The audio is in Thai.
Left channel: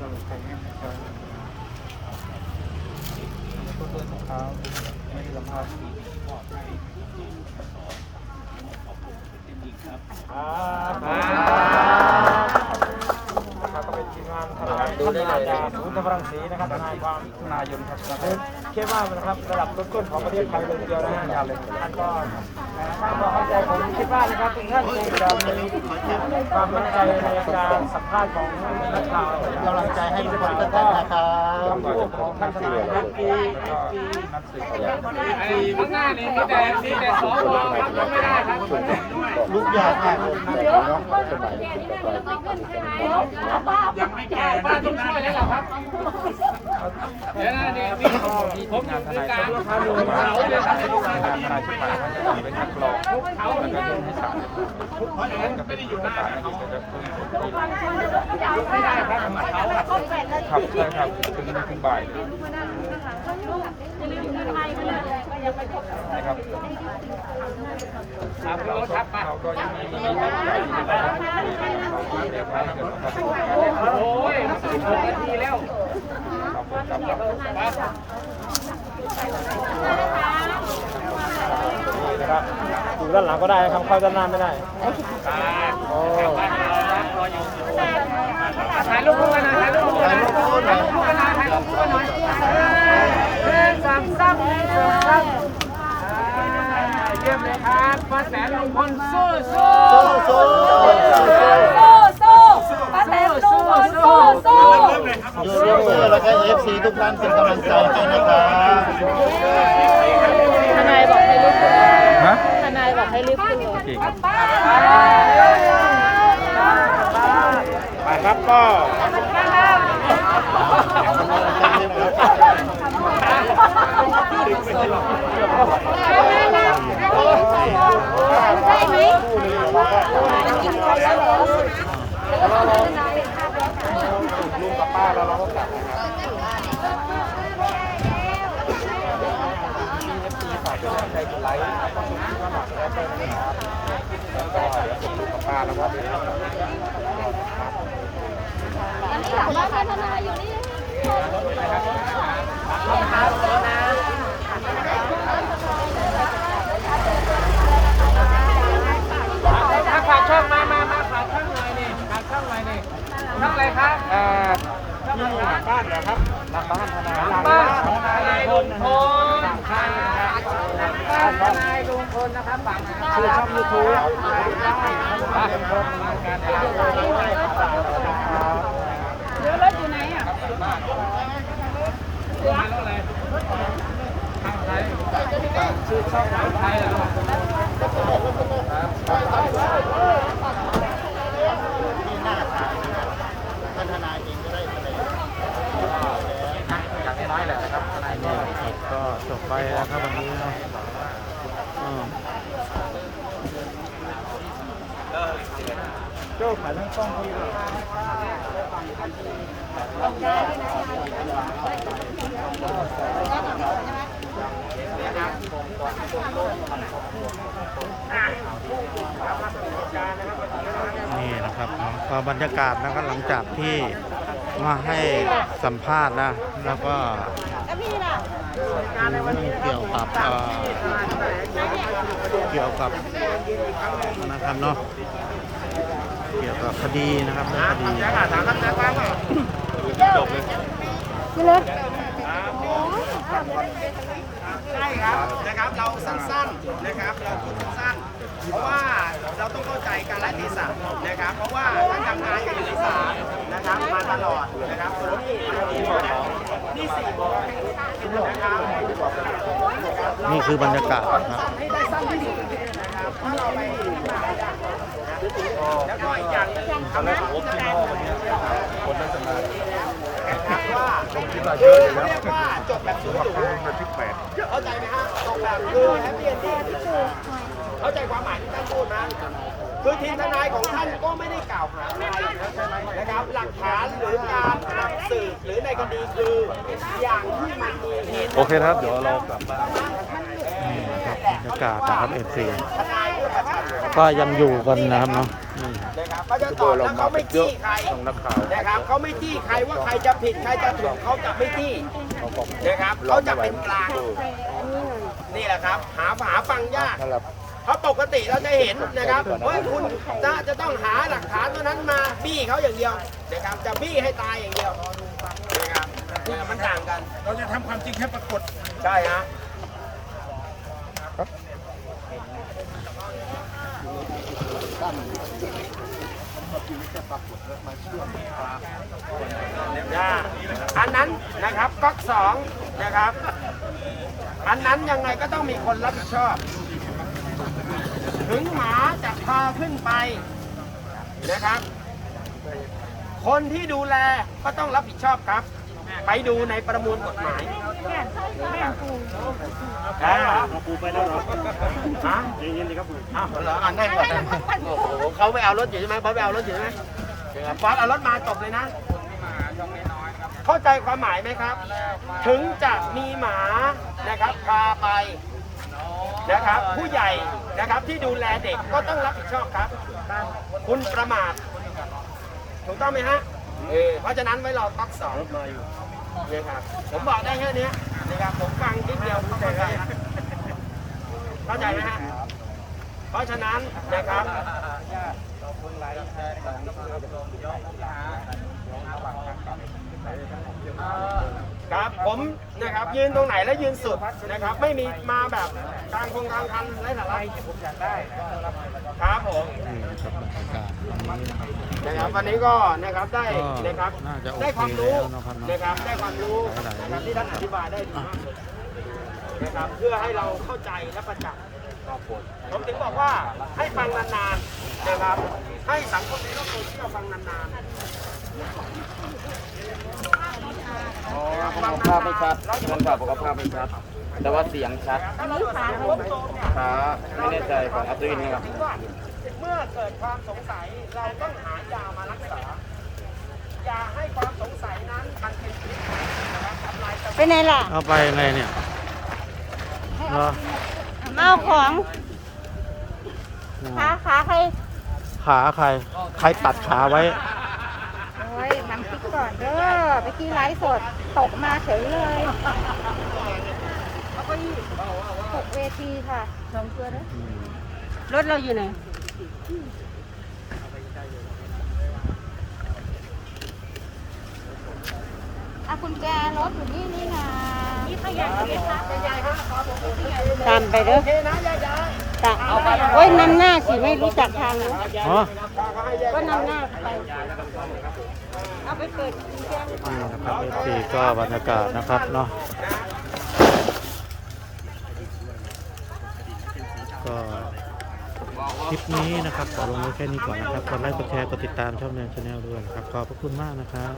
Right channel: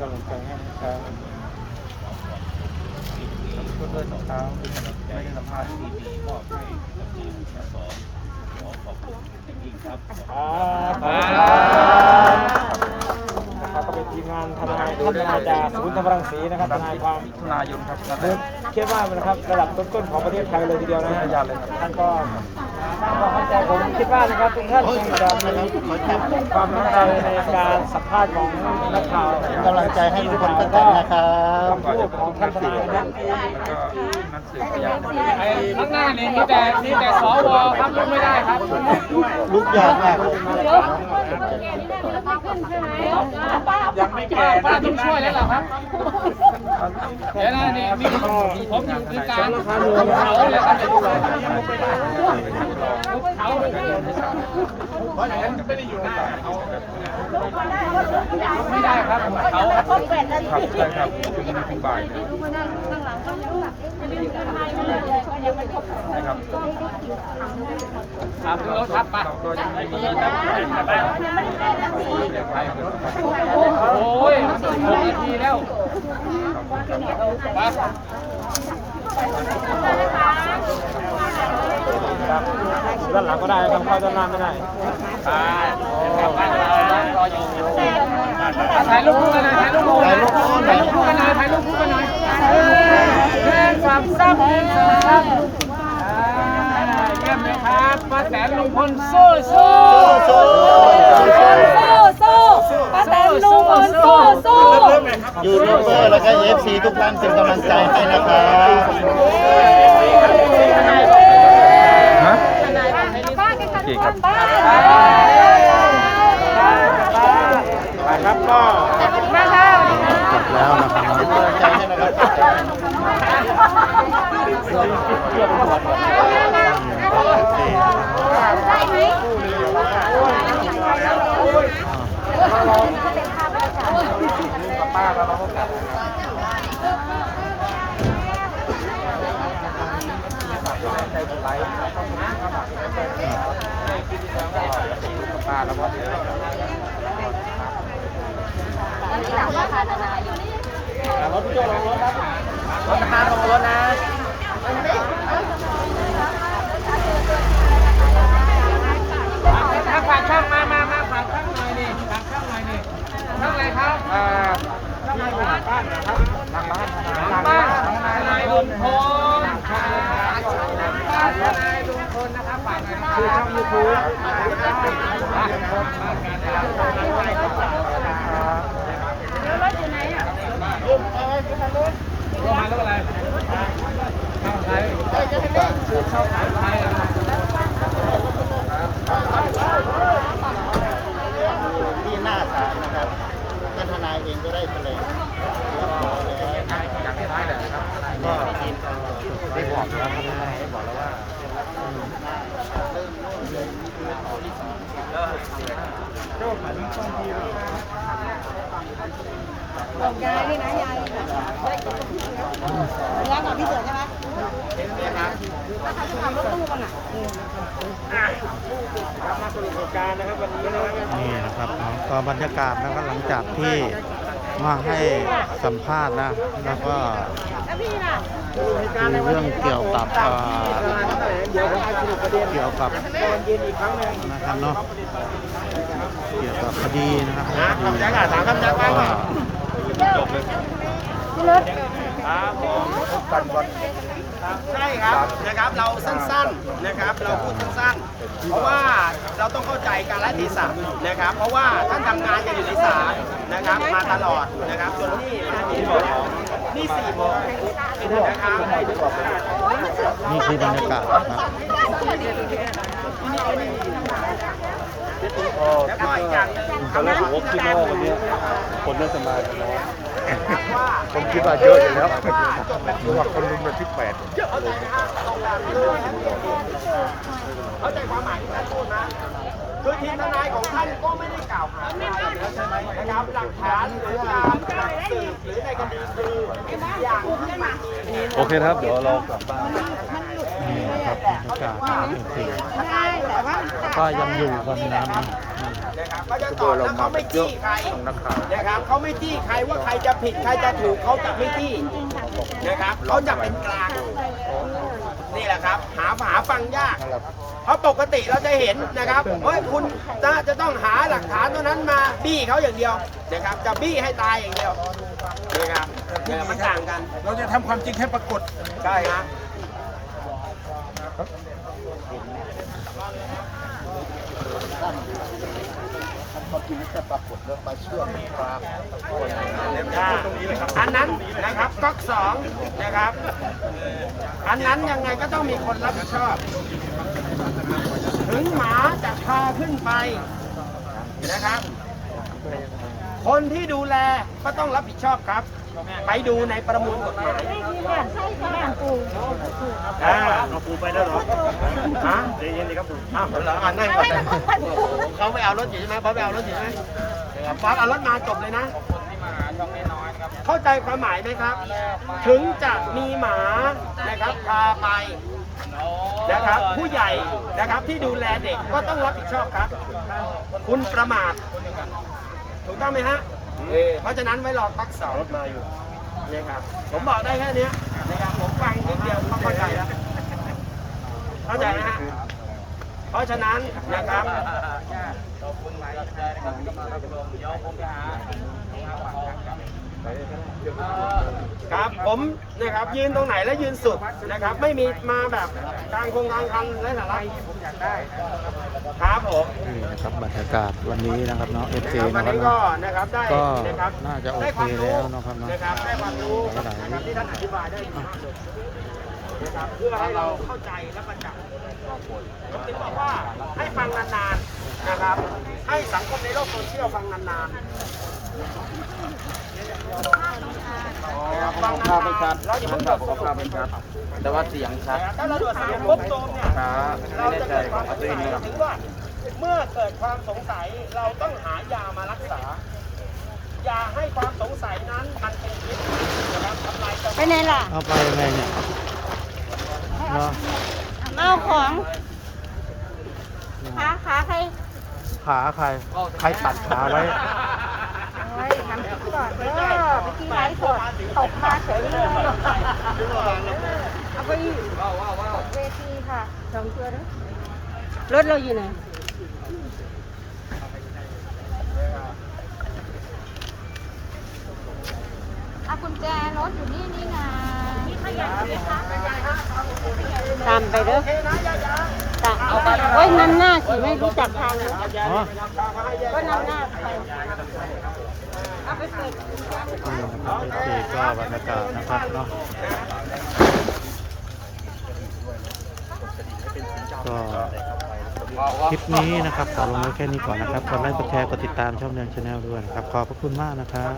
กำลังใจให้นะครับขอบคุณด้วยนะครับไม่ได้สัมภาษณ์นะครับเป็นยิ่งาน ทนายท่านอาจารย์คุณธรรมรังสีนะครับทสามนายสิบความมิถุนายนครับนัดแรกคิดว่านะครับระดับต้นๆของประเทศไทยเลยทีเดียวนะพยานเลยครับท่านก็ผมคิดว่านะครับทุกท่านที่จะมีความกระด้างในการสัมภาษณ์ของนักข่าวกำลังใจให้ลุงพลป้าแตนนะครับก่อนจะพบทุกนัดสืบแล้วก็นัดสืบพยานจำเลยไอ้หน้านี่มีแต่มีแต่สวครับลงไม่ได้ครับลูกยอดมากเดี๋ คนแก่นี่แน่ยังไม่ขึ้นใช่ไหมยังไม่แก่นะที่ช่วยแล้วครับเดี๋ยวนะนี่ข้อมูลที่ทีมงานทนายสร้างขึ้นมาว่าทีมงานทนายชุดใหม่ท่านก็จะไปคักรองแล้วก็ยื่นให้ศาลเรียบร้อยเพราะฉะนั้นก็เป็นเอกสารในการจะไม่ได้ครับเขาครับใช่ครับถึงถึงบ่ายเลย ทำไมไม่เลยนะครับเราก็เราก็ยังไม่มีโอกาสที่จะไปพูดคุยนะครับเราก็เตรียมไว้ถ้าเกิดว่าเขาเป็นโอ้ยสิบหกนาทีแล้วเราพูดกับเราด้านหลังก็ได้ครับเข้าด้านหน้าไม่ได้ถ่ายรูปกันหน่อยถ่ายรูปคู่ถ่ายถ่ายรูปกันหน่อยถ่ายรูปกันหน่อยแค่สามเส้นเสริมครับ เยี่ยมเลยครับมาแสนลุงพลสู้สู้สู้สู้ป้าแตนลุงพลสู้สู้ยูทูบเบอร์แล้วก็เอฟซีทุกท่านเป็นกำลังใจให้นะครับฮะป้าแกขันคนแป้ไปครับก็แล้วนะครับเป็นกำลังใจให้นะครับป้าแตนนี่ นะครับเอฟซีนะครับไหมอ่า ถ้าฝากช่องมามามาฝากช่องหน่อยนี่ฝากช่องหน่อยนี่ช่องอะไรครับอ่าช่องอะไรครับบ้านทนายลุงพลฝากช่องบ้านทนายลุงพลนะครับฝาก คือช่องยูทูบบ้านการรถอยู่ไหนอะ นี่นี่นะครับเนาะก็บรรยากาศนะครับหลังจากที่มาให้สัมภาษณ์นะ แล้วก็ดูเรื่องเกี่ยวกับอ่อเกี่ยวกับนะครับเนาะเกี่ยวกับคดีนะครับเรื่องคดีนะครับก็จบเลยใช่ครับนะครับเราสั้นๆนะครับเราพูดสั้นๆเพราะว่าเราต้องเข้าใจการละเทศะนะครับ เพราะว่าท่านทำงานกันอยู่ในศาลนะครับมาตลอดนะครับจนนี่นี่สี่โมงนะครับ นี่คือบรรยากาศนะครับแล้วก็อีกอย่างหนึงทำให้ทุกท่านคนน่าสนใจคิดว่าเยอะแล้วเป็นเยอะมากสำหรับคนวันที่แปด เข้าใจความหมายที่ท่านพูดนะคือทีมทนายของท่านก็ไม่ได้กล่าวหานะครับหลักฐานหรือการสืบหรือในคดีคืออย่างที่มันเห็น โอเคครับ เดี๋ยวเรากลับบ้านนี่นะครับบรรยากาศนะครับเอฟซีก็ก็ยังอยู่กันนะครับเนาะอืมนะครับเขาจะตอบแล้วเขาไม่จี้ใครนะครับเขาไม่จี้ใครว่าใครจะผิดใครจะถูกเขาจะไม่จี้นะครับเขาจะเป็นกลาง นี่แหละครับ หาหาฟังยากเพราะปกติเราจะเห็นนะครับเฮ้ยคุณจะจะต้องหาหลักฐานเท่านั้นมาบี้เขาอย่างเดียวนะครับ จะบี้ให้ตายอย่างเดียว นะครับเนี่ยมันต่างกัน เราจะทำความจริงให้ปรากฏ ใช่ฮะอันนั้นนะครับก๊อกสองนะครับ อันนั้นยังไงก็ต้องมีคนรับผิดชอบ ถึงหมาจะพาขึ้นไปนะครับ คนที่ดูแลก็ต้องรับผิดชอบครับ ไปดูในประมวลกฎหมายแม่นแม่นปูอ่าเอาปูไปแล้วเหรอฮะเย็นๆดีครับปูอ้าวเหรออ่านั่งก่อนนะโอ้โหเขาไปเอารถอยู่ใช่ไหมบอสไปเอารถอยู่ใช่ไหมเดี๋ยวบอสเอารถมาจบเลยนะ เข้าใจความหมายไหมครับ ถึงจะมีหมานะครับพาไปนะครับผู้ใหญ่นะครับที่ดูแลเด็กก็ต้องรับผิดชอบครับ คุณประมาท ถูกต้องไหมฮะเออเพราะฉะนั้นไว้รอตักสองรถมาอยู่นะครับผมบอกได้แค่เนี้ยนะครับผมฟังนิดเดียวก็เข้าใจแล้วเข้าใจไหมฮะเพราะฉะนั้นนะครับครับผมนะครับยืนตรงไหนแล้วยืนสุดนะครับ ไม่มีมาแบบกลางคงกลางคันไร้สาระ ครับผมนี่นะครับบรรยากาศวันนี้นะครับเนาะเอฟซีวันะนครับนี้ก็เนาะนะครับได้ก็นะครับน่าจะโอเคแล้วเนาะครับเนาะนะครับได้ความรู้หลายๆนะครับอะนะครับเพื่อให้เราเข้าใจและประจักษ์ผมถึงบอกว่าให้ฟังนานๆนะครับให้สังคมในโลกโซเชียลฟังนานภาพไม่ชัดมันกับภาพไม่ชัด แต่ว่าเสียงชัดๆถ้าเราสารครบโดมเนี่ยขาไม่แน่ใจของอัตรินนะครับคิดว่าเมื่อเกิดความสงสัยเราต้องหายามารักษาอย่าให้ความสงสัยนั้นมันเป็นพิษนะครับต่อไปจะเป็นไงล่ะเอาไปยังไงเนี่ยเหรอมาเอาของขาขาใครขาใครใครตัดขาไว้โอ้ยทำก่อนเด้อไปกินไลฟ์สดตกมาเฉยเลยเอาไปอีกเวทีค่ะสองตัวเด้อรถเราอยู่ไหนอากุญแจรถอยู่นี่นี่ไงนี่ขยันเลยค่ะตามไปเด้อตามเฮ้ยนำหน้าสิไม่รู้จักทางอะอ๋อก็นำหน้าไปเอาไปปิดกุญแจนี่นะครับเอฟซีก็บรรยากาศนะครับเนาะ ก็คลิปนี้นะครับขอลงไว้แค่นี้ก่อนนะครับ กดไลค์ กดแชร์ กดติดตามช่องเดือนชาแนลด้วยนะครับ ขอบพระคุณมากนะครับ